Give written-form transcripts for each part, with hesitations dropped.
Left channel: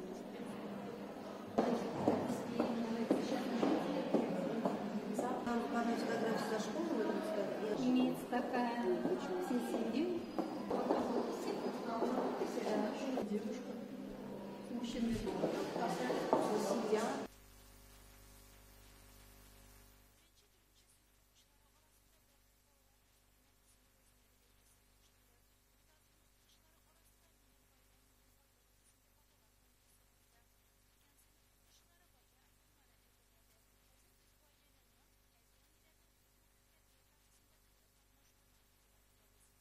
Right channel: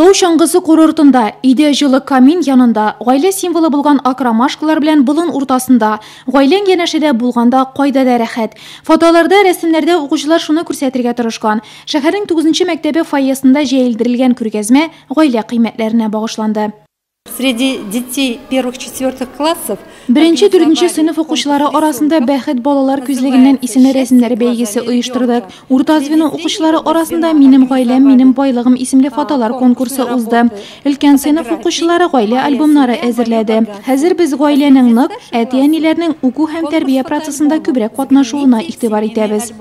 Тау чаңгысы курортында, өйдә жылы камин янында, гаилә символы булган акромашкалар белән болын уртасында, гаиләң янәшәдә булганда кайда да рәхәт. Фотоларда, рәсемнәрдә укучылар шуны күрсәтергә тырышкан. Шәһәрнең 9-нчы мәктәбе фойесында җәелдерелгән күргәзмә гаилә кыйммәтләренә багышланды. Среди детей первых-четвертых классов Беренче, дүртенче сыйныф укучылары арасында бәхет балалар күзлегеннән исеме рәсемнәре бәйгесе оештырдык. Урта звено укучылары арасында "Минем гаиләм, минем байлыгым" исемле фотолар конкурсы узды. Өлкән сыйныф укучылары гаилә альбомнары әзерләде. Хәзер без гаиләнең нык, әти-әниләрнең уку һәм тәрбия процессында күбрәк катнашуына игътибар итәбез.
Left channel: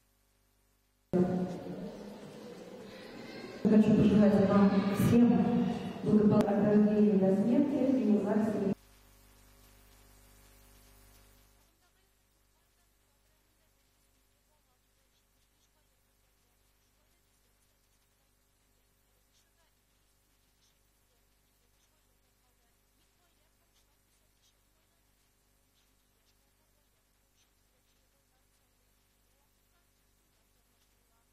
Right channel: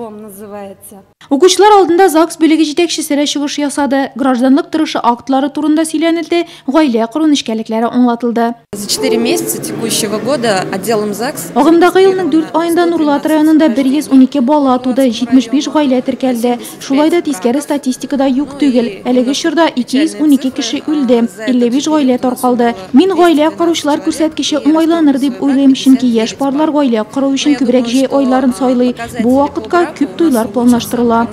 Укучылар алдында ЗАГС бүлеге җитәкчесе дә чыгыш ясады. Гражданлык торышы актлары турында сөйләнелде, гаилә кору нечкәлекләре аңлатылды. За 4 месяца текущего года отделом ЗАГС Агымдагы елның 4 аенда Нурлат районында 112 бала туды, 75 гаилә теркәлде. Шулай да тискәре статистикада юк түгел. Әлеге чорда 212 кеше үлде, 55 гаилә таркалды. Мин гаилә коручылар күрсәткече уңайланыр дип уйлыйм, чөнки яшь парлар гаилә кору өчен күбрәк җәй айларын сайлый. Бу вакытка күп туйлар планлаштырыла.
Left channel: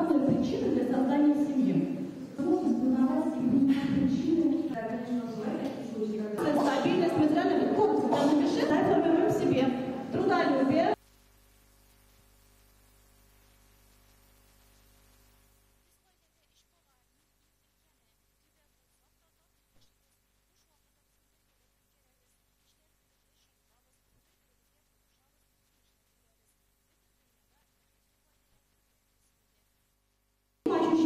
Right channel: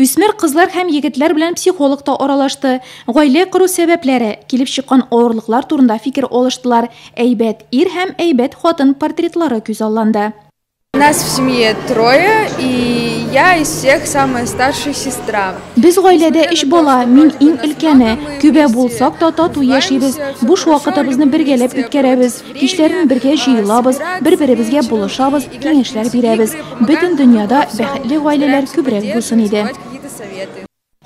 Үсмер кызлар һәм егетләр белән психолог та аралашты. Гаилә кору сәбәпләре, килеп чыккан авырлыклар турында фикер алыштылар. Әйбәт ир һәм әйбәт хатын портретлары күзалланды. Нас в семье 3, и я из всех самая старшая сестра. Без гаиләдә 3 бала, мин иң өлкәне. Күбә булсак та тату яшибез. Буш вакытыбызны бергәләп үткәрәбез. Кичләрен бергә җыелабыз, бер-беребезгә булышабыз, киңәшләр бирәбез. Бөтен дөньяда бәхетле гаиләләр күбрәк булсын иде.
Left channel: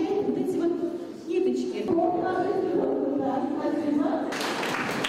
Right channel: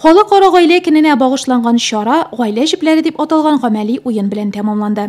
Халыкара гаилә көненә багышланган чара гаилә җепләре дип аталган гамәли уен белән тәмамланды.